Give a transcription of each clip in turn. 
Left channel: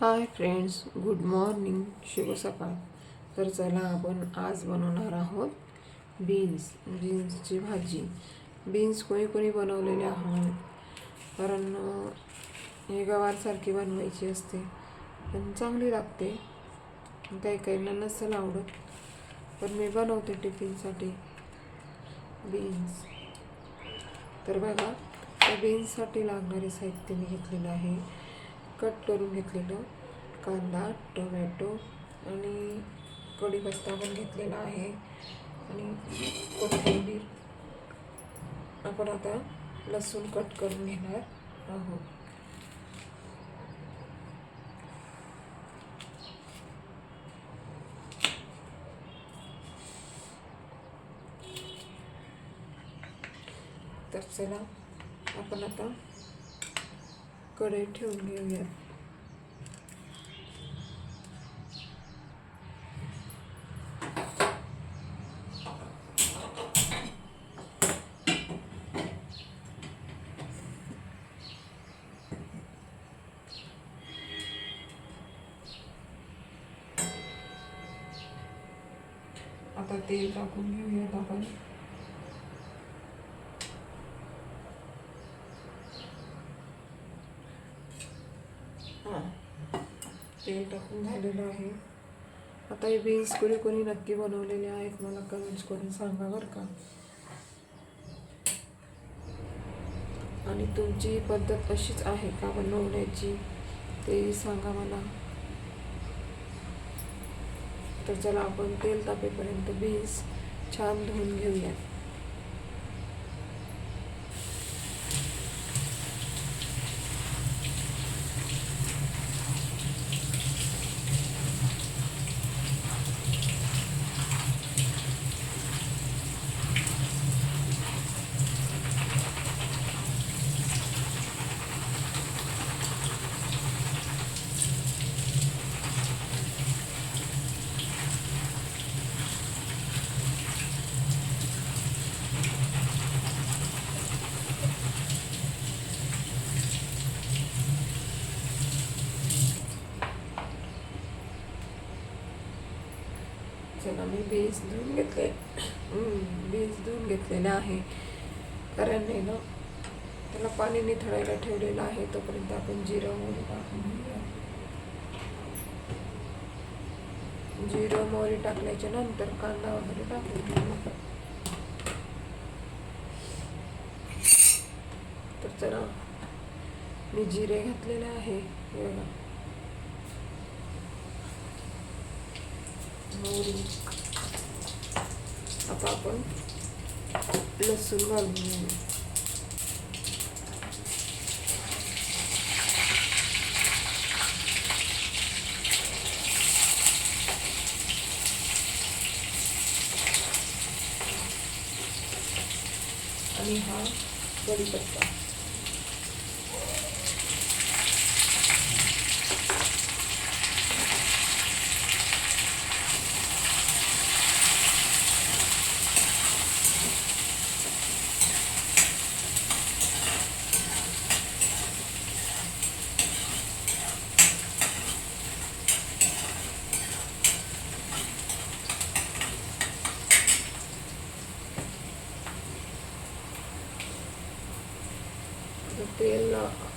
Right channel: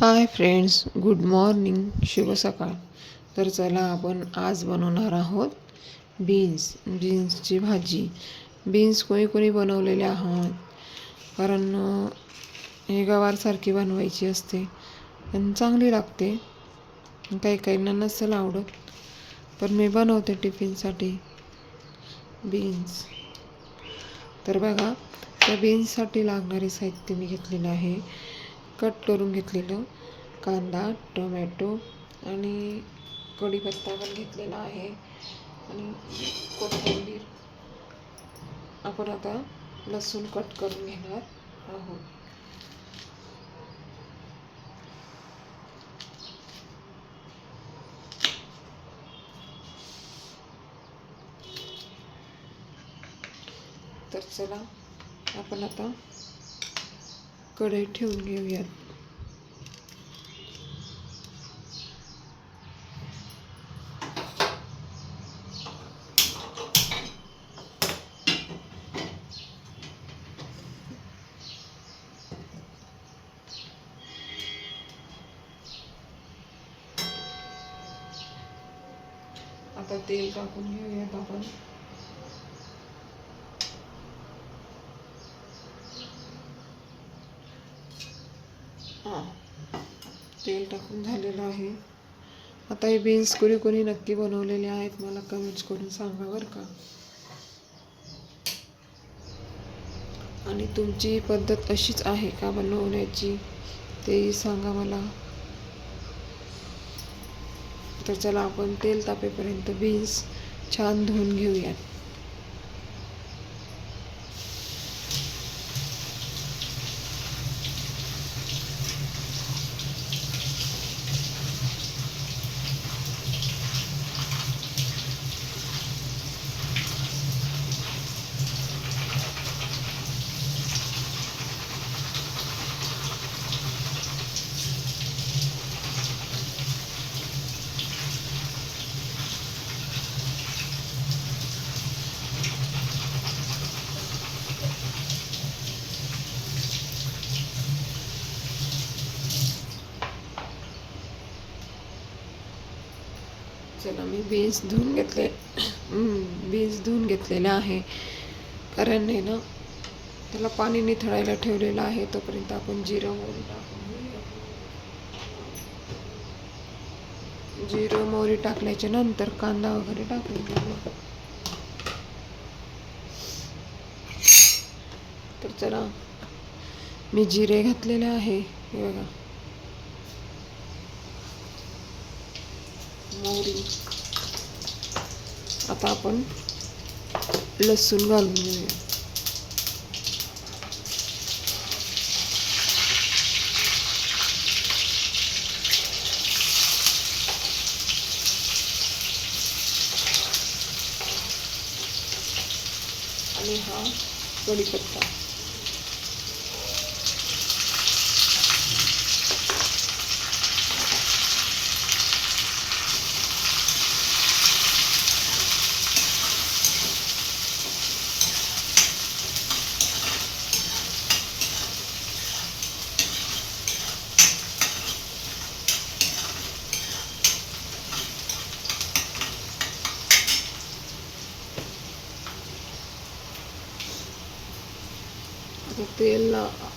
Hi friends good morning शुभ सकाळ. तर चला आपण आज बनवणार आहोत बीन्स बीन्सची भाजी. बीन्स कोणी कोणी बनवलेले आहोत कारण हे गवारसारखी बनवायची असते पण चांगली लागते. काही काहींना नसेल आवडत पण मी बनवते टिफिनसाठी बीन्स. तर बघा त्या बीन्ससाठी लागणारे साहित्य मी घेतलेलं आहे. कट करून घेतलेलं. कांदा टोमॅटो आणि कढीपत्ता पण घेतलेला आहे. आणि कोथिंबीर. आपण आता लसूण कट करून घेणार आहोत. तर चला आपण आता कढई ठेवून घेऊयात. आता तेल टाकून घेऊयात आपण हां तेल टाकून झालेलं आहे. आता हे बीन्स कोणी कोणी नक्की बनवलेले आहेत मला कमेंट्स करून सांगा बरं का. आणि तुमची पद्धत अशीच आहे का बनवण्याची तेही सांगा मला. तर चला आपण तेल तापेपर्यंत बीन्स छान धुवून घेऊयात. चला मी बीन्स धुवून घेतले. बीन्स धुवून घेतलेलं आहे. कारण आहे ना त्याला पाणी निथळायला ठेवलेलं आहे तोपर्यंत आपण जिरं मोहरी टाकून जिरं मोहरी टाकल्याच्या नंतर कांदा वगैरे टाकून तर चला मी जिरे घातलेले आहे. हे बघा. मोहरी. आता आपण लसूण घालून घेऊया. आणि हा कढीपत्ता. तेल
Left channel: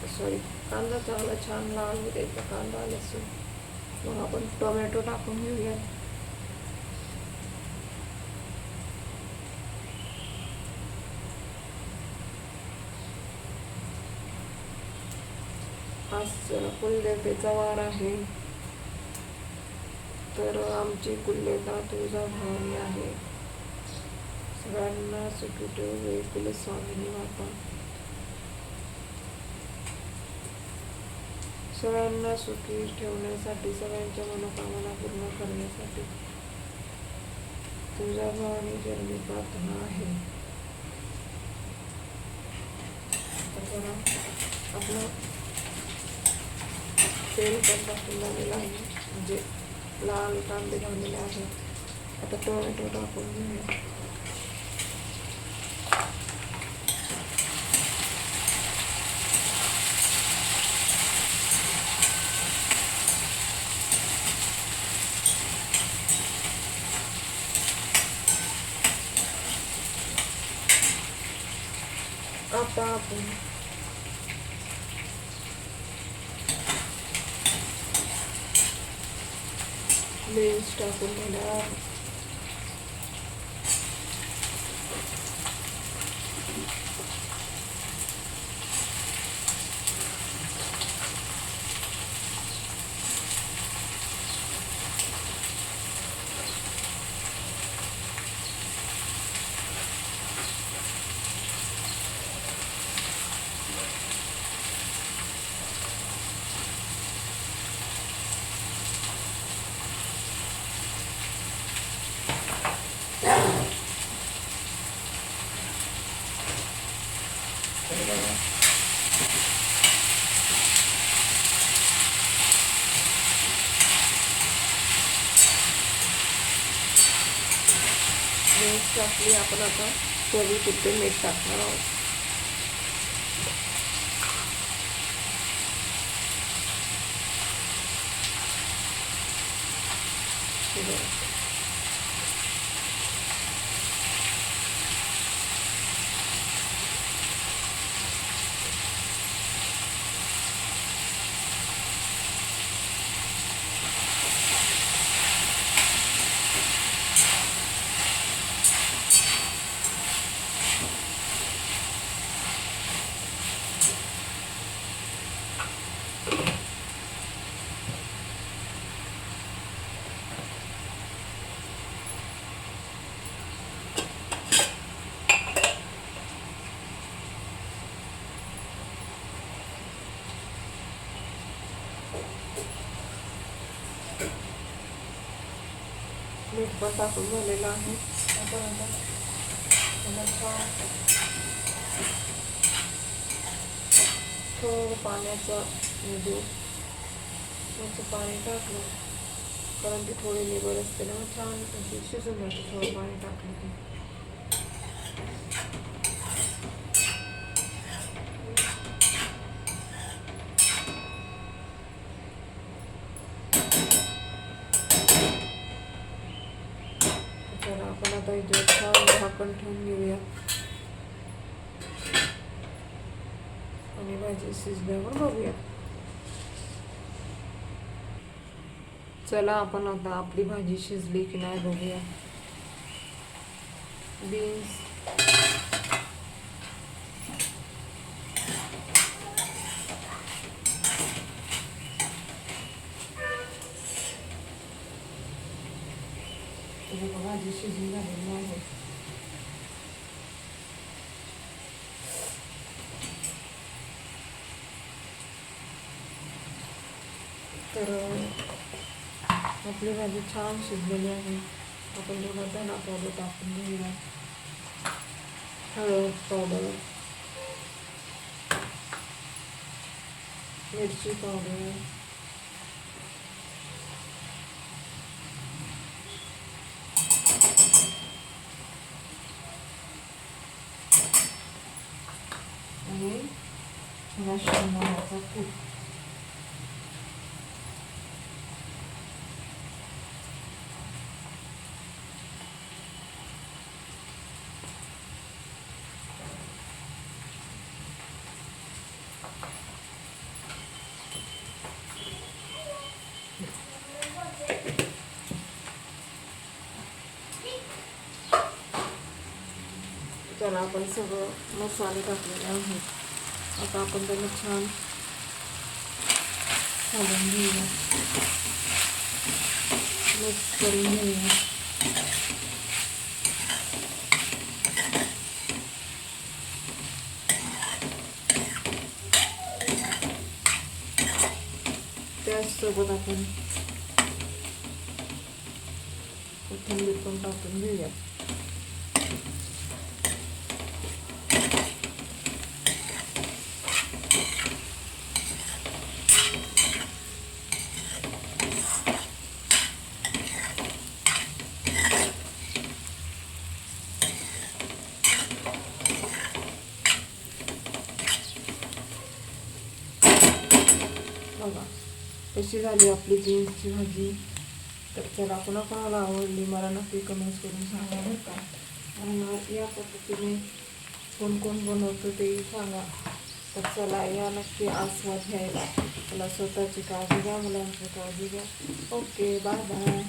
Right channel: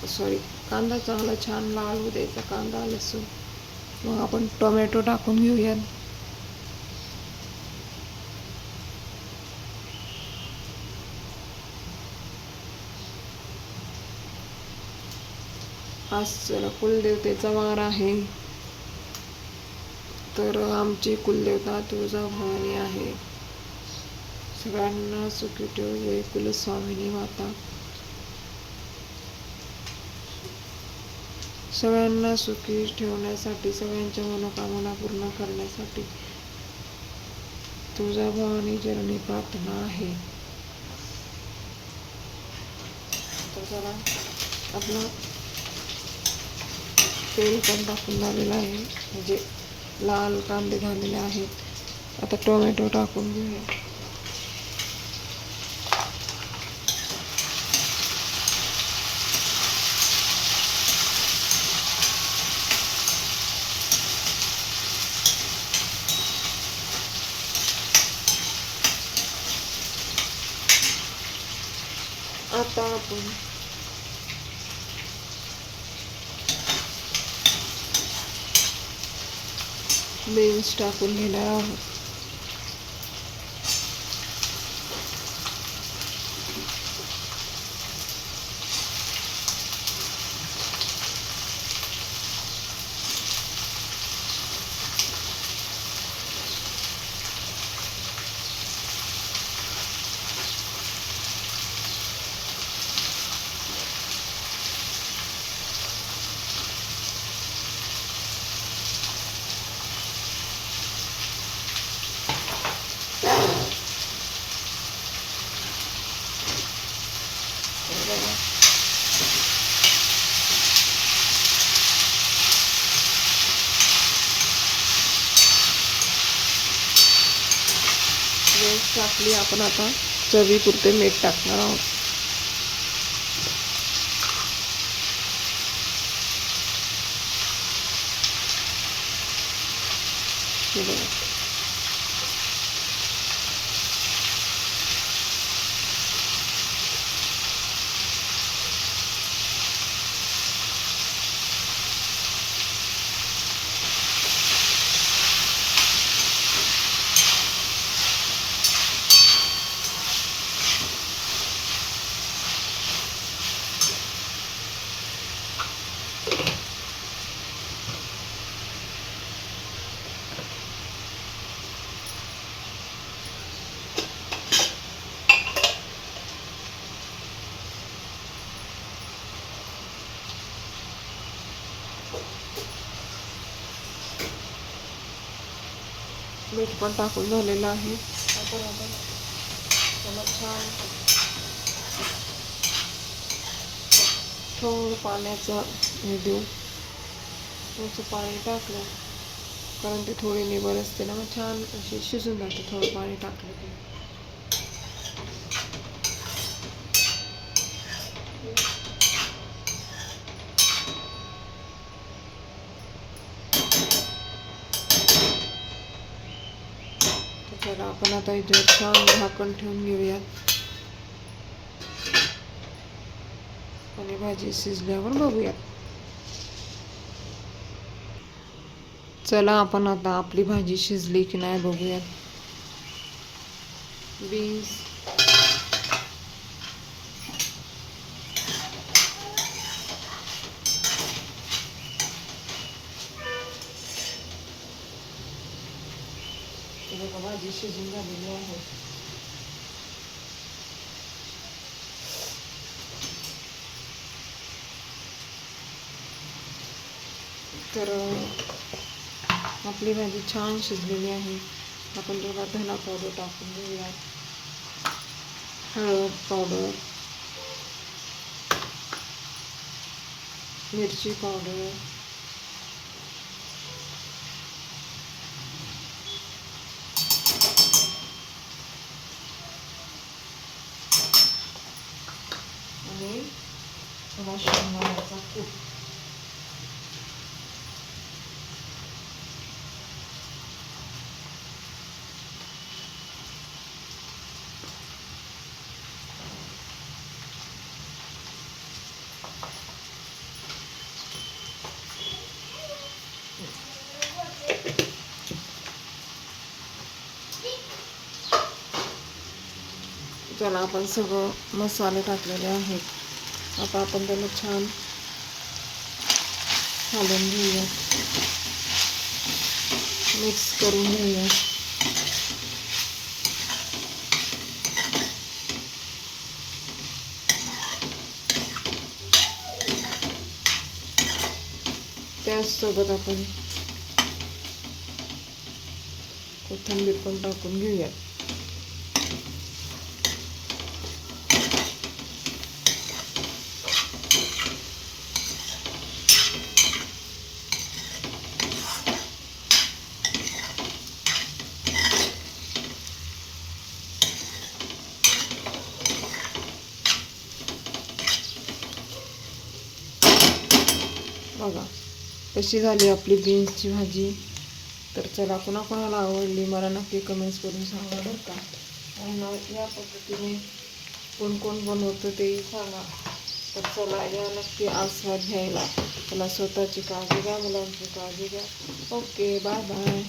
सॉरी कांदा चांगला छान लाल होऊ द्यायचा कांदा लसूण मग आपण टोमॅटो टाकून घेऊयात आज कुलदेवतेचा वार आहे तर आमची कुलदेवता तुळजाभवानी आहे सगळ्यांना सुखी ठेवू कुलस्वामिनी माता सगळ्यांना सुखी ठेवण्यासाठी सगळ्यांच्या मनोकामना पूर्ण करण्यासाठी तुळजाभवानी जननी प्रार्थना आहे. तर जरा आपलं तेल पण टाकून झालेलं आहे. म्हणजे लाल कांदे झालेले आहेत. आता टोमॅटो टाकून घेऊया. आपण बीन्स टाकून घेणार आहोत तर बघा वेस्ट आपण आता चवीपुरते मीठ टाकणार आहोत. ठीक आहे मीठ पण टाकून झालेला आहे. आपण आता त्याला छान थोडं पाण्याचं हे देऊ थोडंसं पाणी टाकलं. कारण ते थोडे निबर असते ना मग छान अशी शिजून जाते थोडं पाणी टाकलं की तर चला आपण आता इथे छान झाकण ठेवून घेऊयात. आणि भाजी शिजल्यावर बघूयात. चला आपण आता आपली भाजी शिजली की नाही बघूयात. बीन्स बघा भाजी शिजून झालेली आहे तर आपली भाजी छान शिजलेली आहे आपण त्याला धना पावडर टाकून घेऊया हळद पावडर मिरची पावडर कूट त्याला आपण सगळं मसाले टाकलेले आहेत आता आपण त्याला छान घालून घेऊया. मिक्स करून घेऊया. त्याचसोबत आपण कोथिंबीर पण टाकून घेऊया. कशी अपनी आपली बीन्सची भाजी तो चला पुन्हा कोणाला आवडली मला नक्की कमेंट्स करून सांगा बरं का आणि या पद्धतीने कोण तर चला या नक्की आस्वाद घ्यायला स्वतः की काजी घ्या मुलांची काळजी घ्या ओके बाय बाय